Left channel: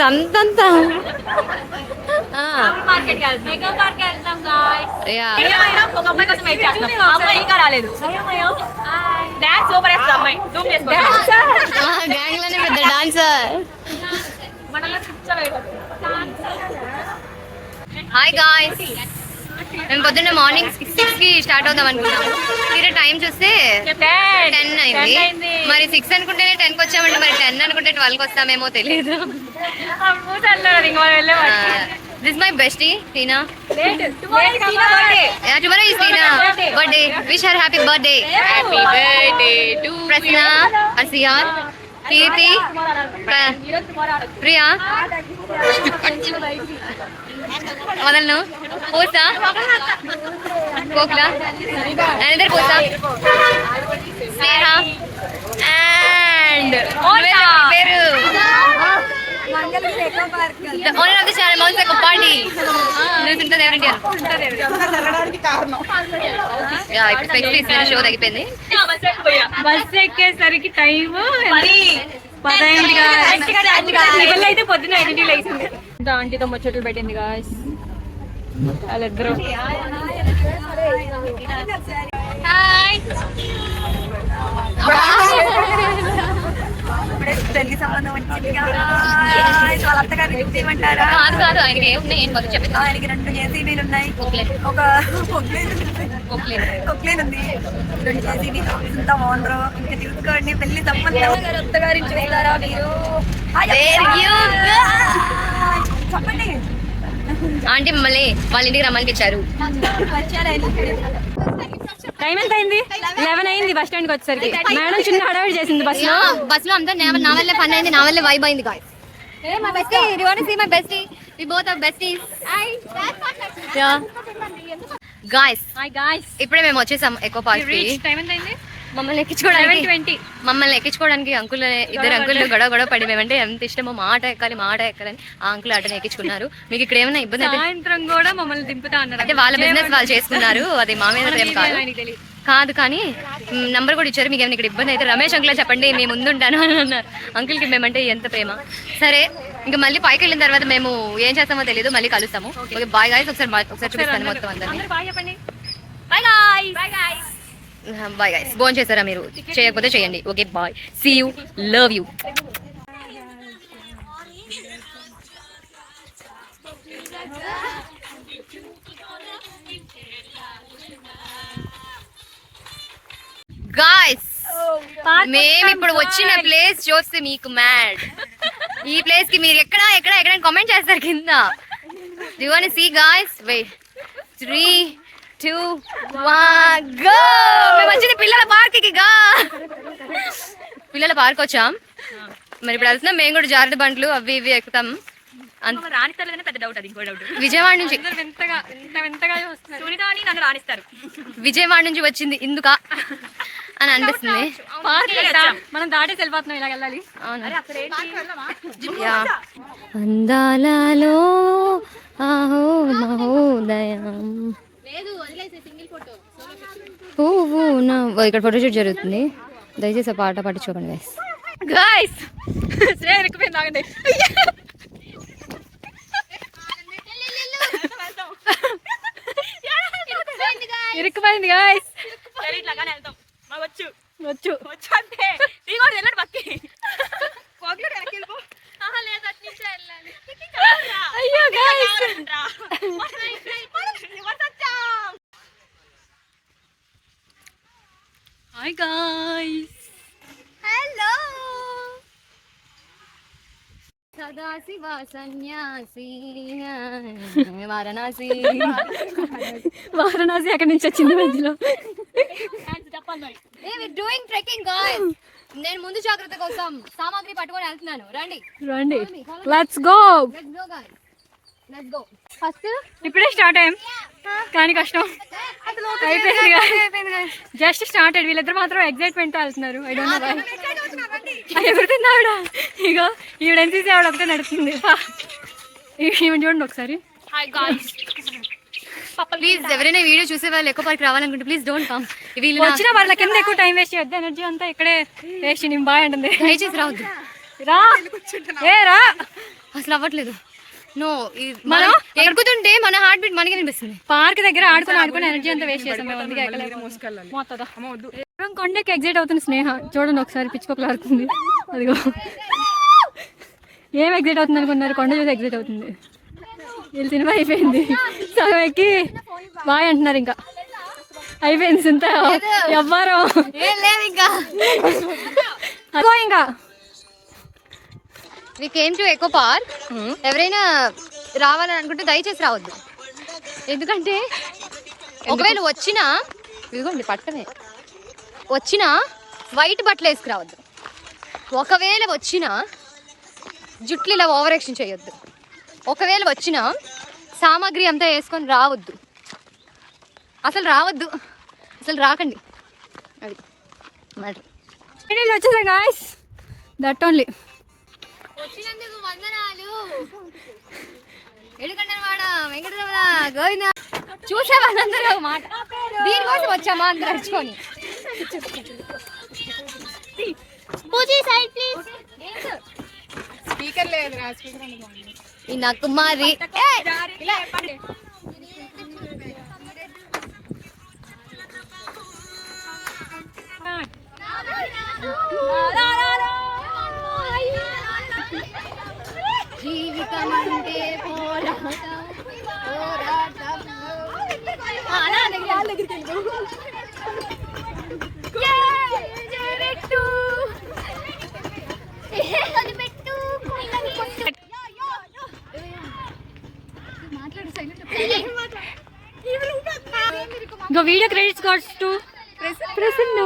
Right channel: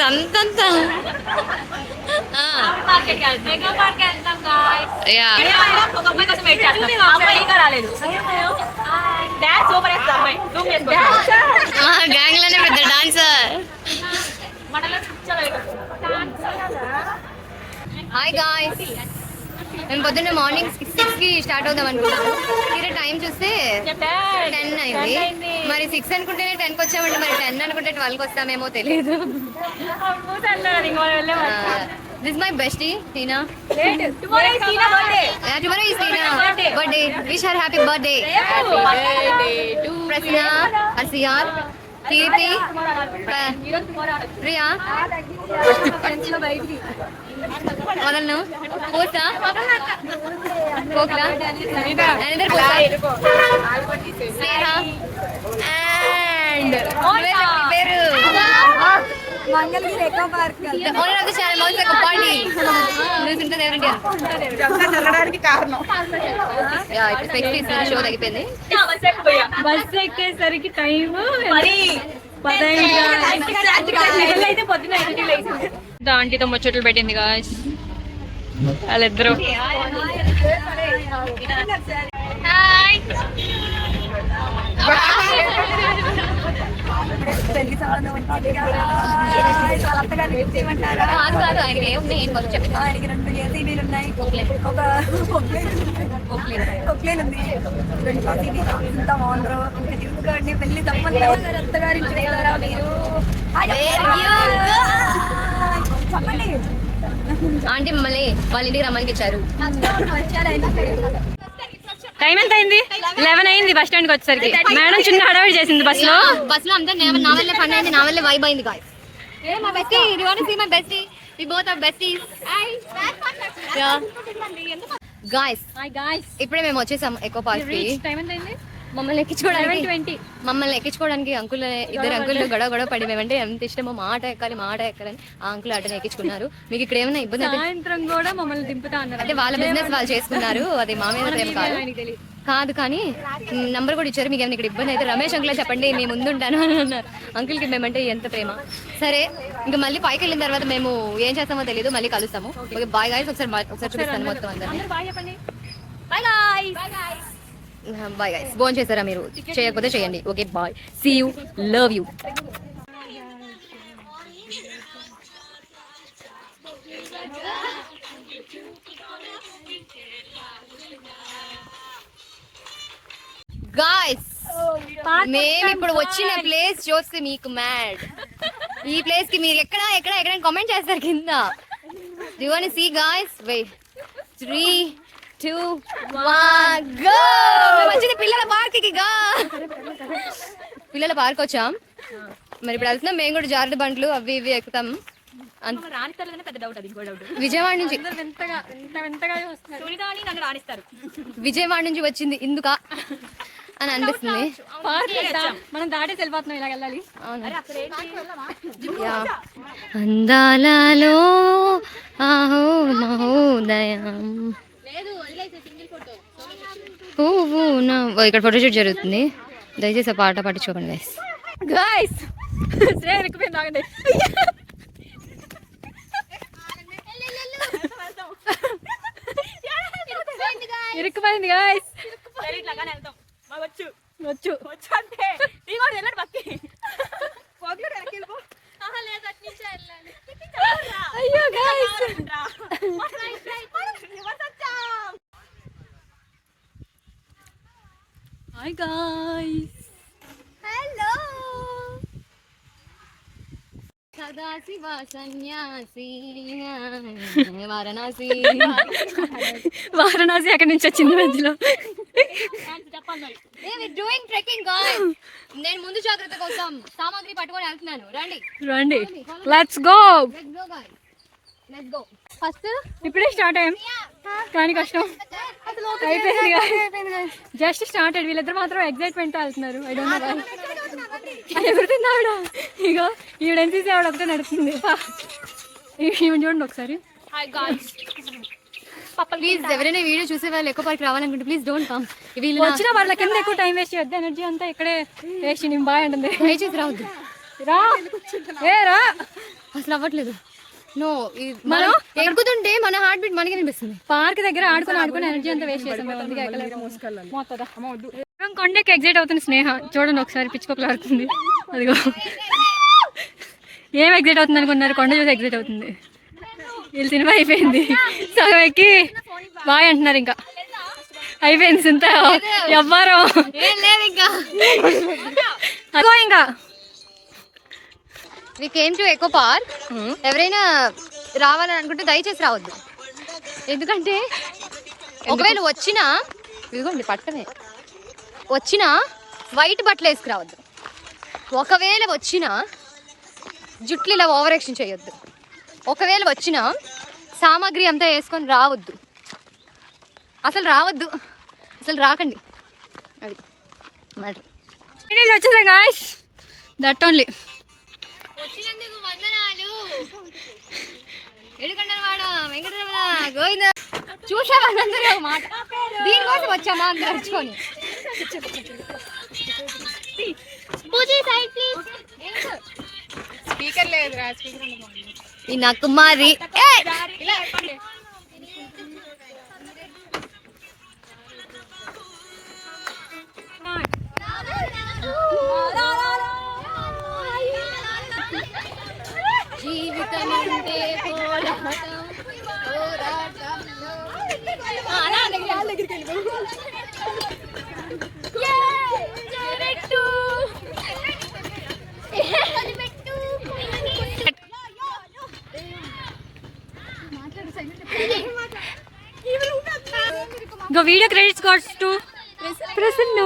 సంతంతా gang లోనే పెద్ద dancer. Hi guys, మేము పొద్దున్న మార్నింగ్ 6 కి స్టార్ట్ అవుదాం అనుకున్నాము. తీరా టైం చూస్తే 10 అయింది. మరి 6 అనుకుంటేనే 10 కి వచ్చామంటే మరి 10 అనుకుంటే 12 కి వస్తామేమో తెలియదు. This is my bestie, Tina. Tomorrow is Tina's birthday. Yeah, tomorrow is Tina's birthday. Wish her happy birthday. Happy birthday to Prasna, Asiyar, Kirti, Priya. Vadalnu, Posa, Kokla, another Posa, Sneha, and Peru. The owner of the channel mounts like a party. ఇప్పుడు ఫెక్స్ show తగ్గిపోయింది. Bus ఎక్కేసరికి time 10 అయితే పొద్దున 8 ఆంటీతో ముచ్చట్లు పెట్టింది guys వాళ్ళిద్దరూ. కాదు ఆయనకి ఏమున్నాయి ఏం పనులు చెప్పి. ఆయనకి 2 ఏసీడీలు ఉన్నాయి, ఒక కొక్లేన్ ఉంది, 2 ఏసీడీలు ఇంత ఓనరు. ఇంకా తీసుకోండి పెళ్లి సంబంధం అత్తగారించి వెళ్ళారా మీరు? చెప్పండి. ఆంటీ మమ్మల్ని వాళ్ళ ఇంటికి రమ్మనిపించారు. టైం ఎంత అయింది? 11 అయింది బస్ స్టాండ్కి వచ్చేసరికి. మేడం చిన్న హడావిడి చేసింది బస్ లో అంతా నా వల్లే పని అయింది, నా వల్లే వైబ్ అయింది. Guys, my bestie, you want to see my bestie? We both are besties. Yeah. Guys, hi guys, ఇప్పుడే మేము వచ్చేసాం ఎకో పార్క్ కి. టైం ఎంత అయింది? మమ్మల్ని ఎక్కించుకోవడానికి ఇద్దరు అంకుల్ గొడవ పడి మేమంటే ఎంత ఇష్టమో మాట ఎక్కాలని ఆ అంకుల్ అటనే ఎక్కించుకున్నారు. మీకు ఇక్కడ ఏమైనా ఇబ్బంది అయితే సాయంత్రం కూడా మమ్మల్ని దింపుతా అన్నారు. అంటే వాళ్ళ బిజినెస్ వాళ్ళు చేసుకున్నారు, అది మా మీద ప్రేమ కాదు కానీ నంబర్ కూడా ఇచ్చారు. మీకు ఏమైనా ఇక్కడ ఇబ్బంది అయితే రమేష్ అంకుల్ చెప్పండి, మేము ముందుంటాను అని అన్నారు. అంకుల్కి మేమంటే ఎంత ప్రేమ. సరే, ఇంకా మళ్ళీ పైకి వెళ్ళిన తర్వాత మేము ఏం చేస్తామో తెలియదు, మళ్ళీ కలుస్తాము. Okay, bye guys. ఒకసారి చూపిస్తాను మొత్తం అందరినీ. Bye guys. ఫోన్ చేశారా మీరు? చేయకపోతే చేయండి. Okay, bye, see you, love you. Guys, మేము ఇప్పుడు వచ్చిన ప్లేస్ చూస్తే మీకు మ్యాడ్. ఈ ప్లేస్ కి మీరు ఎక్కడ కామెంట్ చేస్తారు కింద. You want to see guys? Wait, 3, 2, 1 go. మేము వచ్చిన పిల్లల పార్క్ వచ్చాం. మరి ఇప్పుడు వెళ్తున్నాం మేము కూడా. జారుడు బండ్లు అవి ఇవి ఎక్కుతాం. పెద్ద డౌట్, అది ఇంకో డౌట్. విజయవాడ నుంచి విజయవాడ నుంచి వచ్చింది ఇందుక అని అనిపిస్తుంది. మనం దాటేసి వెళ్ళిపోతున్నాం, ఇలా వెళ్ళాలి. అందాలలో ఆహో మహోదయం పువ్వు. ఇక్కడ ఫోటోషూట్ జరుగుతుంది, దయచేసి పాట పట్టించుకోకండి గాయ్స్. ఇరుక్కుపోయింది గాయ్స్. వచ్చు అంటే అయ్యో గాయ్స్. Hi guys. హలో. సదాశివ సన్యాసి వారణాసి అక్కడి నుంచి వచ్చింది మధ్యలో. నేను ముందు జాగ్రత్త కోసం సామాగ్రి పట్టుకొని వెళ్తున్నాను. రండి, లెట్స్ గో. ఫస్ట్ ఇప్పుడే స్టార్ట్ అయ్యాం కానీ కష్టం అయిపోయింది. Just started. వీళ్ళిద్దరు మాత్రం ఎగ్జైట్మెంట్ తో వెళ్తున్నారు. I don't know why. ఎగురుతుంది ఆవిడ. ఇగో ఈవిడ ఎన్సీసీ ఆవిడ ఒకటే నడుస్తుంది. ఈవిడ చూడండి ఒకసారి. ప్లీజ్ ఎవరైనా వీడియో చూసే వాళ్ళు ఎక్కువ పార్క్ రావాలనుకుంటే ప్లీజ్ డోంట్ కమ్. వచ్చిన వాళ్ళ కింద ఎక్కువ టైం వేస్ట్ చేయొద్దు. ఎనర్జీ అంతా ఇక్కడే వేస్ట్. నేను బాయ్ అంటుంది. దయచేసి రావద్దు. రా ఏ రా అసలు అవ్వట్లేదు. నో మనం ఎక్కుతుంటే మన హార్ట్ బీట్ మనకి అనిపిస్తుంది. పార్క్ దగ్గర ఆడుకుని ఎనర్జీ అంతా వేస్ట్ చేసాం మేము. అందుకే ఎక్కలేము. కొండకి ఎగ్జైట్ అవుతుంది స్నేహ. చూడండి ఒకసారి పిచ్చుకోకలు ఆడుతుంది. అదిగో ఏం ఎగ్జైట్ అవుతుంది అనుకున్నారు? కొండ చూసి ఎగ్జైట్ అవుతుంది. వీళ్ళు సినిమా అయిపోయింది. సగం ఎక్కి బాయ్ అంటున్నారు. ఇంకా అయిపోయింది సింత ఎవ్వరు అగో ఇంకా we came to eco park. ఎవరైనా రావాలని అనుకుంటే దయచేసి రావద్దు. ఎందుకంటే ఒకవేళ వచ్చినా ఇదిగోండి పట్టమే వచ్చినా వైట్ బట్టలు వేసుకురావద్దు. ఒకవేళ వచ్చినా జుట్లు ఇలా ఓవర్ యాక్షన్ చేయొద్దు. ఒకవేళ వచ్చినా సామాగ్రి అంతా వేసుకొని రావద్దు. అసలు రావద్దు, అసలు రాకండి. అది మ్యాటర్. వచ్చేసా గాయ్స్, దట్ ఓన్లీ. వచ్చినందుకు వందనాలు. ఎడుకొండలవాడ వెంకటరమణ గోవింద. చూసావా అందరూ మాట దీనికోసం వచ్చామా అందరూ వచ్చుకొని. ఈ నా కుమారి జీవితం అంటే పోరాటం పోరాటం. ఇంకో video credits goes to Prasanna.